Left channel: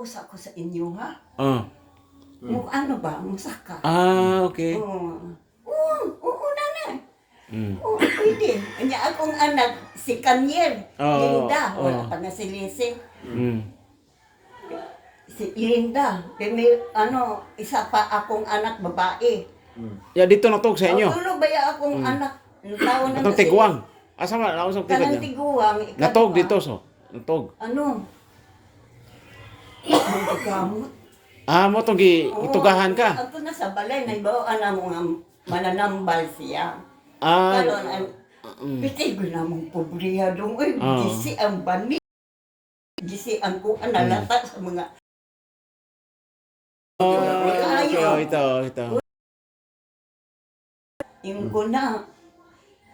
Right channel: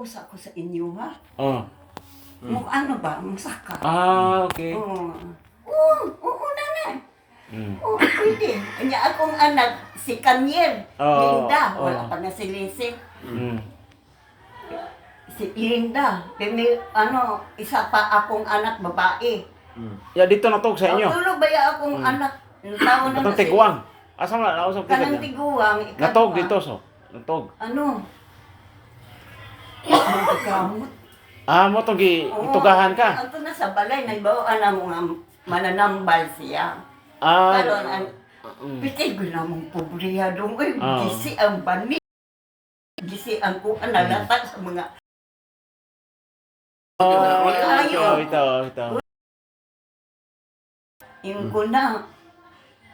mag-usa ko sa inyo, ha? Oh. Ano ba? Masaka. Okay. Oo, nanay. Mm. Oo, pwede. Kanya akong anak, si Kaniel. Linda. Wala Oo. pa na si Lizzie. Mm. Si Linda. Isa pa akong anak, babae. Ya dito natog sa inyo. Tulo ba ya akong anak? Taon na Atong tiguang. Asa nga nausap kita Kanang dyan? tiguang. Natog dito so. Natog. Ano? Magkakamot. Mo tong itugahan ka. Ako na sa balay, nagbawaan na mo nga mananambal siya. Karon pitay ko na mong pobriya dong. Uy, gisi ang bani. Gisi ang kuha nalata sa mga... Ito. Yung ko na,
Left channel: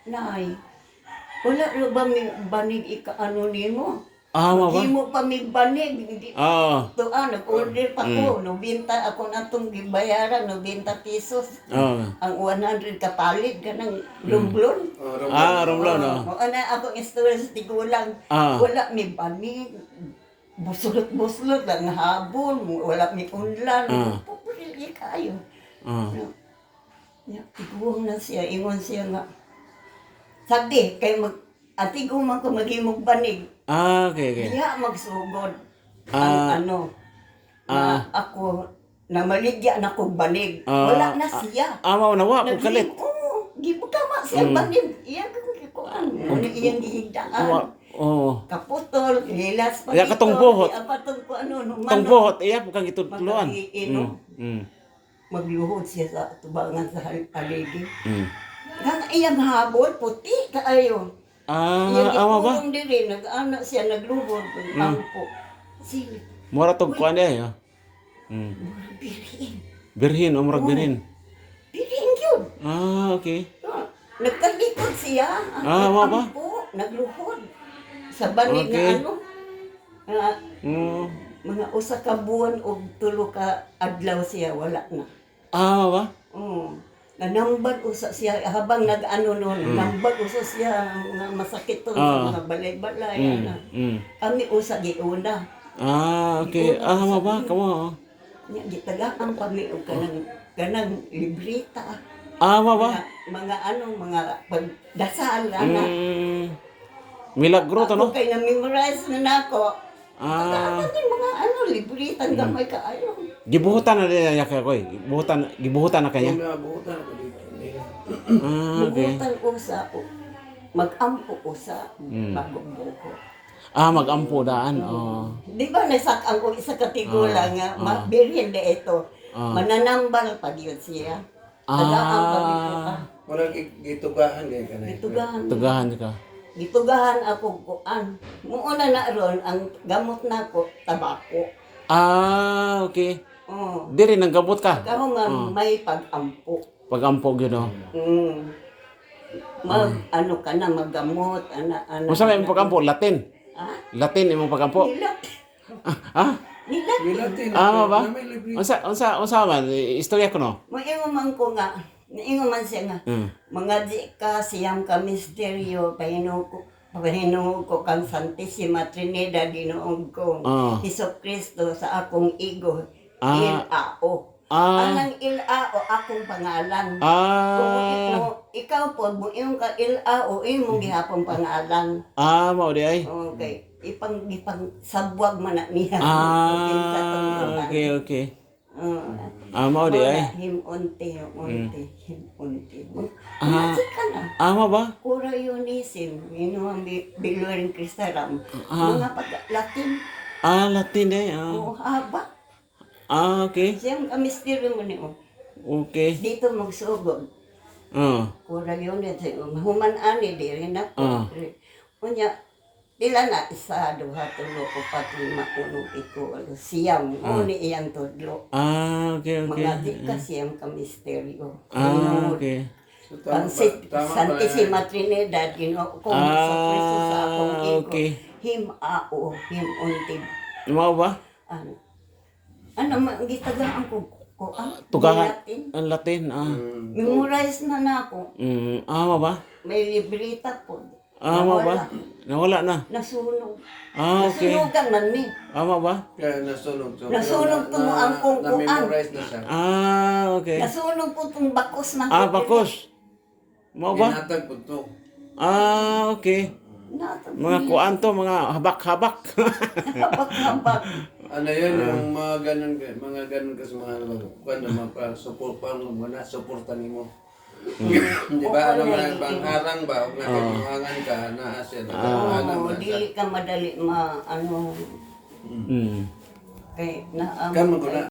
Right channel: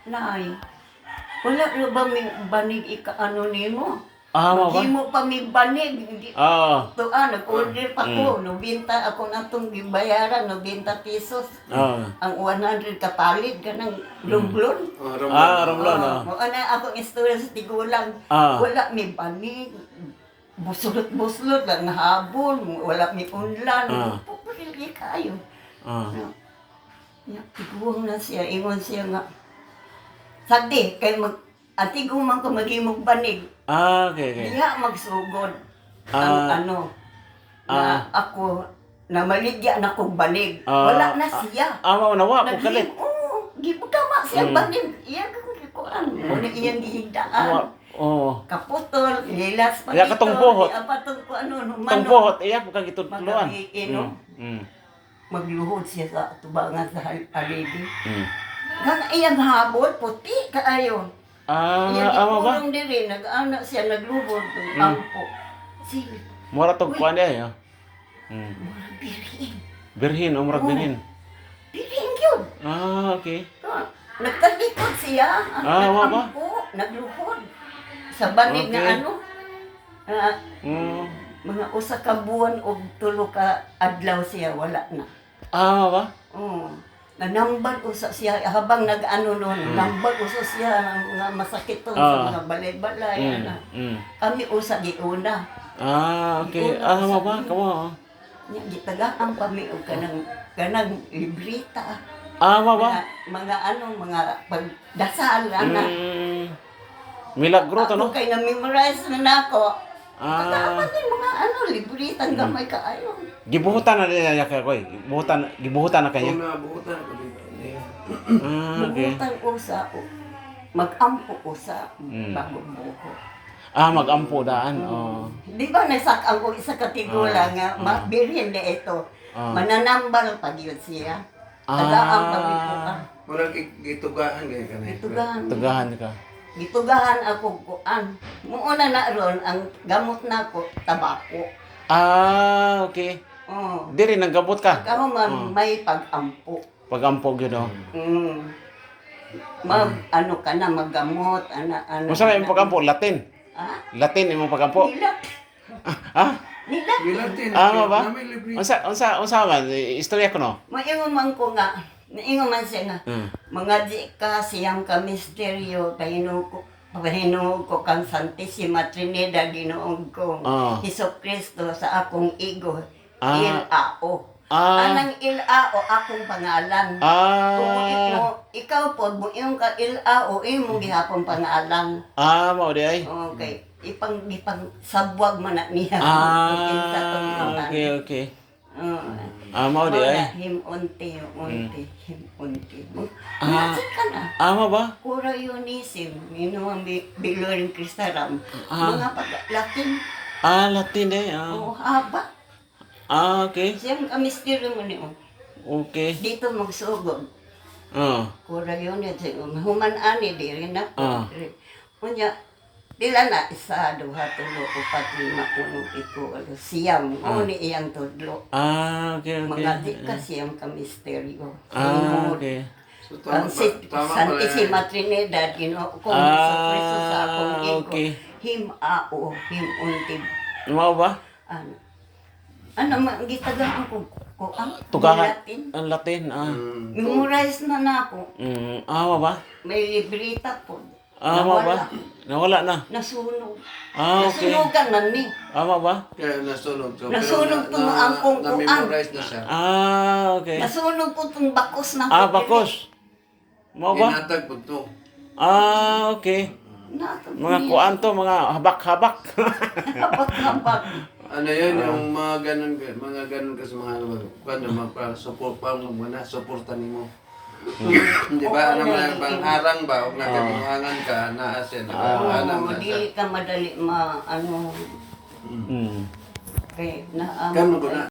nay, wala rin ba may banig ika-ano nimo? Mo ba? Hindi mo pa may banig. Nag-order pa ko. 90 ako na itong bayaran, 90 pesos. Ang 100 kapalit, ganang lumblon. Romblon. Ano ako istorya sa tigulang. Wala may banig. Buslot-buslot lang habol. Wala may unlan. Pupulili kayo. Tiguang na siya. Ingon siya nga. Sagdi, kay atiguman ko maghimog banig. Okay. Diha magsugod ang na ako na maligya na kong banig. Wala na siya. Nawa po kalit. Gibutama siya banig. Iyan ko ano iyang gihigdaan. Kaputol, lilas pa dito. Katong buhot. Apatong ko Tong buhot, iya po kang gitudluan. Magluhod siya sa tubangan sa haligi. Nga iyang habol, puti kaayo. Yan ikulong diri, nag-anak siya, nagluhod, ampo. Sige. Mura tong kuan niya. Murag birhin. Birhin, murag birhin. Birhin yun. Okay. Nagtalikod siya, ang ampo, nagluhod. Sa banig na mga usa ka buwan o tulo ka adlaw siya, wala na. Ba? Nanambal usa siya habang nag-ano noon, nambal usa siya mga masakit to sa mga balay-balay. Kami usa giuna. Okay. Ba? Kamo. Nya gitagaan kami og kanang libreta. Ba? Mga pagdasal ana. Milagro to no. Ako kay na-memorize na nako. Pagkaaman yung mga libreta gamay kaayo. Gibuhutan na niya kay koy. Gibuhutan na kanya. Buhutan ko dito. Buhutan usa mag-ampo usa bago buhot. Mag-ampo daan. Di ba nasakang ko isa katigula nga birhen de ito. Mananambal pag yun siya. Tagaan pag ito ka. Murag gitugahan gay kanay. Tugahan ka. Gitugahan ako kuan. Muuna na ron ang gamot na ko tabako. Okay. Diri nang gabot ka. Kamo may pag-ampo. Pag-ampo gyud. Ano ka na maggamot ana. Unsa may pag-ampo? Latin. Latin imong pag-ampo. Nilat. Milatin. Ba? Unsa man istorya ko no? Moingon man ko nga. Naingon man siya nga. Mga di ka siyang ka misteryo pahinuog ko kang Santissima Trinidad Ginoong kong Hesus Kristo sa akong igo. Il-ao. Anang il-ao akong pangalan. Kung ikaw po, buong ka il-ao, imong gihapong pangalan. Mao di ay. Okay. Ipang sabwag man na niya. Okay. Mao di ay. Himunti. Masik ka na. Ba? Kura Eunisim, ang Biluring Kristaram. Mga pag-Latin. Latin eh. Haba. Okay. Siyang misteryo mo niyo. Okay. Dito magsugod. Kura Eunisim. Human-ani, di rin ako. Kunya, pila na isa, duha, tulo, upat, lima, uno, pito, siyam. Ni iyang tudlo. Okay. Mga di ka siyam ka misteryo. Okay. Ang Santissima Trinidad, kung sa Kristo sa akong igo. Him-ao, him-untib. Mao ba? Gitagaan ko ang Tugahan. Latin. Ang Latin. Memorize na ako. Ba? May libreta po. Amo ba? Nawala na. Nasunog. Okay. Nasunugan man ni. Amo ba? Kaya nasunog. So, Nasunog pero po ang kungkuan. Na-memorize na siya. Okay. Nasunog po itong bakos ng Bakos. Mo ba? Inatag po to. Okay. Mga kuan to, mga habak-habak. Habak-habak. Ano yun, yung mga ganun kasi mga support pa mo muna, supportan mo. Di ba, naman pangharang ba, huwag nagkanuhangan ka, naasin, Oo, dili ka madali ano, kay na Kamu ko na.